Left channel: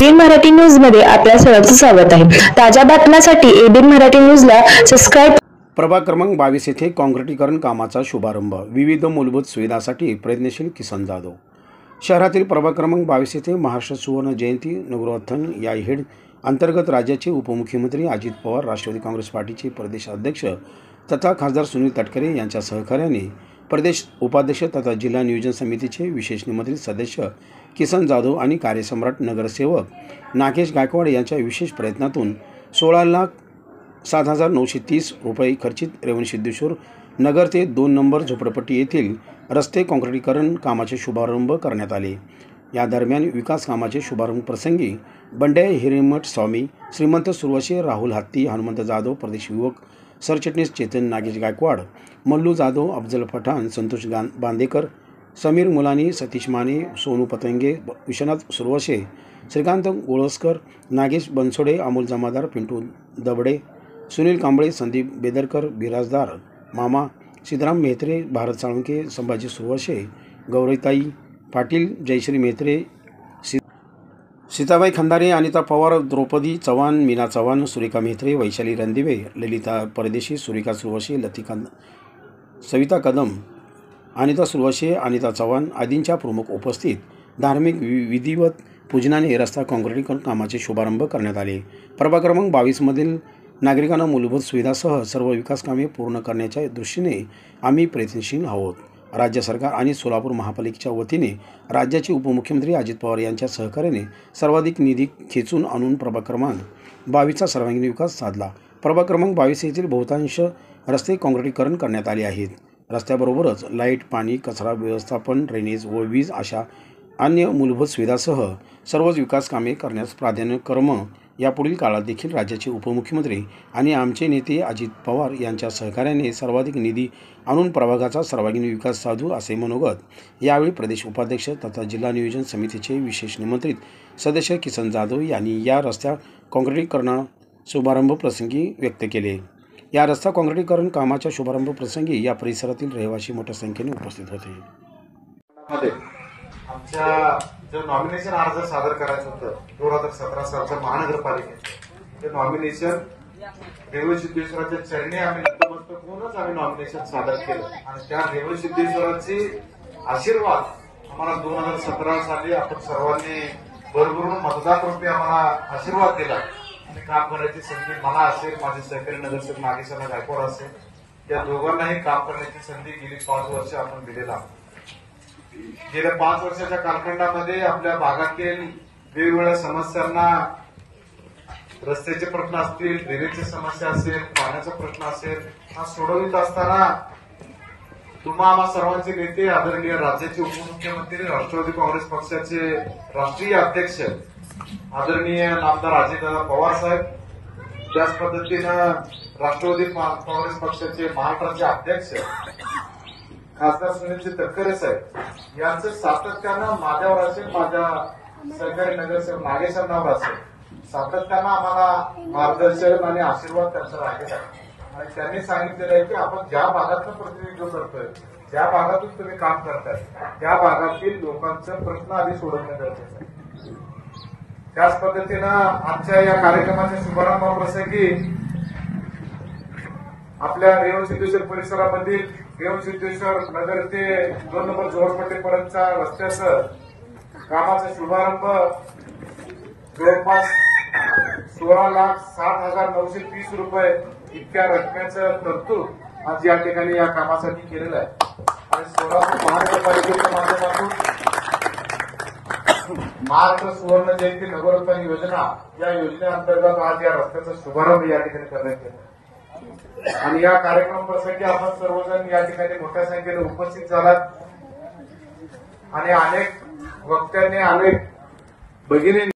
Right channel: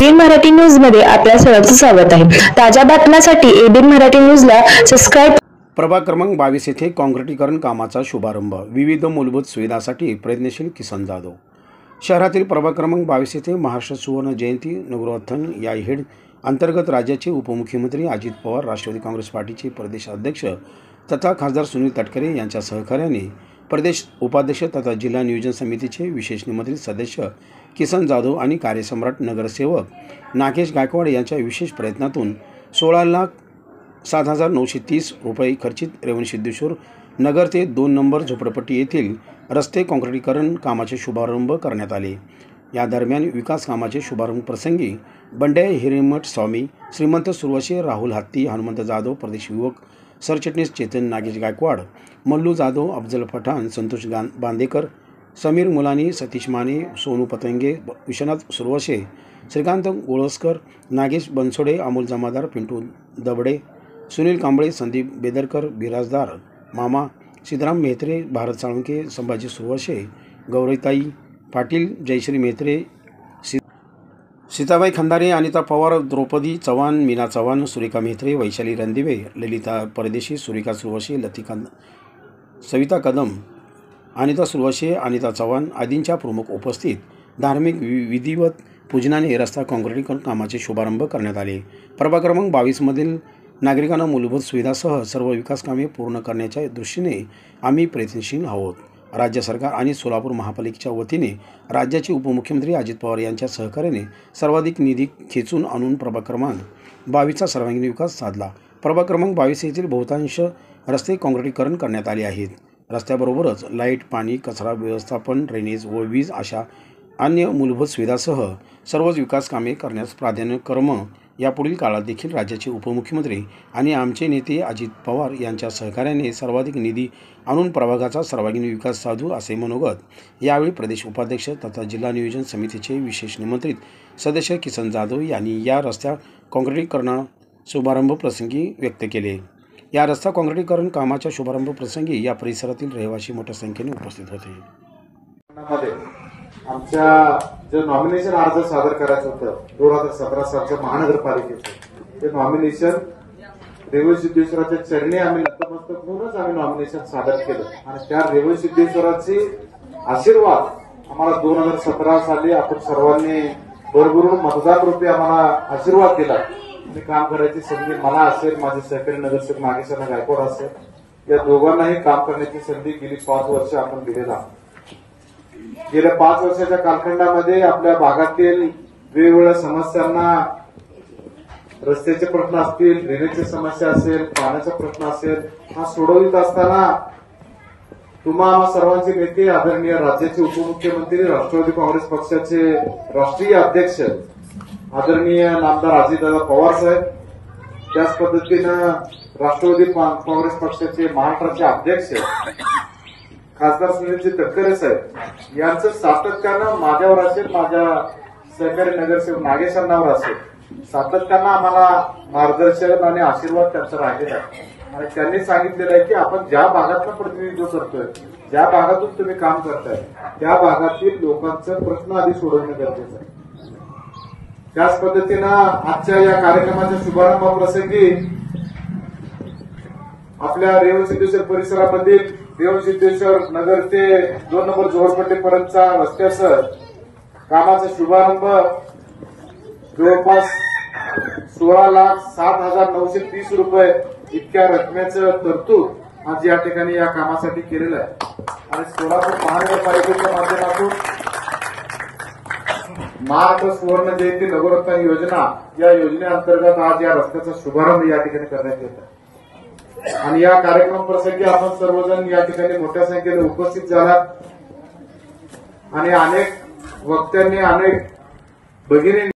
ABN Marathi news मध्ये आपल्या सर्वांचं स्वागत आहे। ताज्या बातम्यांसाठी एबीएन मराठी न्यूजला सबस्क्राइब। प्रभाग क्रमांक 22 येथे काँक्रिटीकरण कामाचा शुभारंभ। विविध मूलभूत सुविधांसाठी प्रयत्नशील किसन जाधव। शहरातील प्रभाग क्रमांक 22 येथे महाराष्ट्र सुवर्ण जयंती नगरोत्थान या हेड अंतर्गत राज्याचे उपमुख्यमंत्री अजित पवार, राष्ट्रवादी काँग्रेस पार्टीचे प्रदेश अध्यक्ष तथा खासदार सुनील तटकरे यांच्या सहकार्याने प्रदेश उपाध्यक्ष तथा जिल्हा नियोजन समितीचे विशेष निमंत्रित सदस्य किसन जाधव आणि कार्यसम्राट नगरसेवक नागेश गायकवाड यांच्या विशेष प्रयत्नातून 16,07,930 रुपये खर्चित रेवणसिद्धेश्वर नगर ते 2 नंबर झोपडपट्टी येथील रस्ते काँक्रिटीकरण कामाचे शुभारंभ करण्यात आले। या दरम्यान विकास कामाचे शुभारंभ प्रसंगी बंड्या हिरेमठ स्वामी, श्रीमंत सुरवशे, राहुल हत्ती, हनुमंत जाधव, प्रदेश युवक सरचिटणीस चेतन नागेश गायकवाड, मल्लू जाधव, अफजल पठाण, संतोष बांदेकर, समीर मुलानी, सतीश माने, सोनू पतंगे, विश्वनाथ सुरवशे, श्रीकांत गोळसकर, नागेश बनसोडे, अमोल जमादार, पिंटू दबडे, सुनील कांबळे, संदीप बेदरकर, बिराजदार मामा, सिद्धराम मेहत्रे, भारत साळुंके, संभाजी सुरवशे, गौरीताई पाटील, जयश्री मेहत्रे, सीताबाई खंदारे, अनिता पवार, द्रौपदी चव्हाण, मीना चव्हाण, सुरेखा मेहत्रे, वैशाली रणदिवे, ललिता परदेशी, सुरेखा सुरवशे, सविता कदम, अनिता सुरवशे, अनिता चव्हाण आदींच्या प्रमुख उपस्थित धार्मिक विधिवत पूजनाने रस्ता काँक्रिटीकरण कामाचे शुभारंभ करण्यात आले। प्रभाग क्रमांक 22 मधील नागरिकांना मूलभूत सुविधासह सर्व विकास कामे पूर्ण करण्याच्या दृष्टीने आम्ही प्रयत्नशील आहोत। राज्य सरकार आणि सोलापूर महापालिकेच्या वतीने राज्याचे उपमुख्यमंत्री अजित पवार यांच्या सहकार्याने सर्वाधिक निधी खेचून आणून प्रभाग क्रमांक 22चा सर्वांगीण विकास साधला। प्रभाग क्रमांक 22 येथील बहुतांश रस्ते काँक्रिटीकरण करण्यात आले आहेत। रस्त्याबरोबरच लाईट, पाणी, कचरा व्यवस्थापन, ड्रेनेज व वीज अशा अन्य मूलभूत सुविधासह सर्वच विकास कामे करण्यास प्राधान्यक्रम यापुढील काळात देखील राज्याचे उपमुख्यमंत्री आणि आमचे नेते अजित पवार यांच्या सहकार्याने सर्वाधिक निधी आणून प्रभागाचा सर्वांगीण विकास साधू असे मनोगत यावेळी प्रदेश उपाध्यक्ष तथा जिल्हा नियोजन समितीचे विशेष निमंत्रित सदस्य किसन जाधव यांनी या रस्त्या काँक्रिटीकरण शुभारंभ प्रसंगी व्यक्त केले। या रस्ता काँक्रिटीकरण कामाच्या शुभारंभ प्रसंगी या परिसरातील रहिवासी मोठ्या संख्येने उपस्थित होते। आमच्या जो नॉमिनेशन अर्ज सादर करायचं होतं 2017 सालच्या महानगरपालिकेचं ते नॉमिनेशन रेवणसिद्धेश्वराच्या चरणी आम्ही नतमस्तक आम्ही नॉमिनेशन सादर केलं आणि त्या रेवणसिद्धेश्वराचे आशीर्वाद आम्हाला 2017 साली आपण सर्वांनी भरभरून मतदार रूपी आम्हाला आशीर्वाद दिला आणि काम करायची संधी मला असेल, माझे सहकारी नगरसेवक नागेश गायकवाड असेल, या दोघांनाही काम करण्याची संधी गेली 5 वर्ष आपण दिलेला। गेल्या 5 वर्षाच्या कालखंडामध्ये आपल्या भागातील वेगवेगळ्या समस्यांना, रस्त्याचे प्रश्न असतील, ड्रेनेजची समस्या असेल, पाण्याचा प्रश्न असेल, हा सोडवित असताना तुम्हा सर्वांचे नेते आदरणीय राज्याचे उपमुख्यमंत्री, राष्ट्रवादी काँग्रेस पक्षाचे राष्ट्रीय अध्यक्ष आदरणीय नामदार अजितदादा पवार साहेब, त्याच पद्धतीनं राष्ट्रवादी काँग्रेस पक्षाचे महाराष्ट्राचे अध्यक्ष खासदार सुनील तटकरे साहेब यांचं सातत्यानं माझ्यावर असेल, माझ्या सहकारी नगरसेवक नागेशांनावर असेल, सातत्यानं आम्हाला मार्गदर्शन आणि आशीर्वाद त्यांचा राहिलेला आहे आणि त्यांनी सांगितलेलं आहे की आपण ज्या भागातलं प्रतिनिधित्व करतोय, ज्या भागातून तुम्ही काम करताय त्या भागातील लोकांचे प्रश्न आधी सोडवणं गरजेचं आहे। त्याच पद्धतीनं आजच्या या कार्यक्रमाच्या शुभारंभाप्रसंगी आपल्या रेवणसिद्धेश्वर परिसरामधील रेवणसिद्धेश्वर नगर ते 2 नंबर झोपडपट्टीपर्यंतच्या रस्त्याचं कामाचा शुभारंभ जवळपास 16,07,930 रुपये इतक्या रकमेचं तरतूद आज या ठिकाणी या कामासाठी केलेलं आहे आणि सोलापूर महानगरपालिकेच्या माध्यमातून महाराष्ट्र सुवर्ण जयंती नगरोत्थान योजना या योजनेअंतर्गत आज या रस्त्याचा शुभारंभ या ठिकाणी करण्यात येत आहे आणि या कार्यक्रम प्रसंगी आपण सर्वजण या ठिकाणी मोठ्या संख्येने उपस्थित झाला आणि अनेक वक्त्यांनी, अनेक भगिनी